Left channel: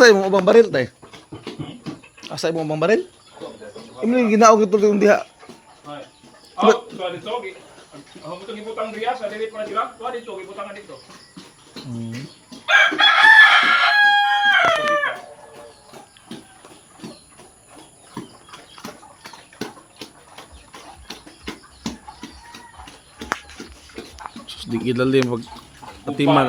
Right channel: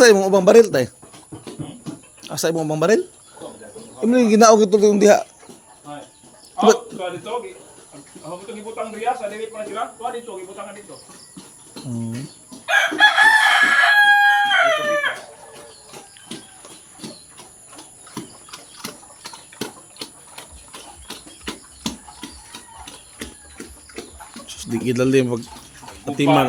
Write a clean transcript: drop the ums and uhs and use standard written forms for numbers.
Asay mo ubang baril tay? Asay mo ubang baril? Imo ginaog ito yung diha. Ay. Out ka dito. Ako mo gibutang diya sa dili pa sila. Tuwa dito gibutangan dito. Sus di kidal din pag atiman.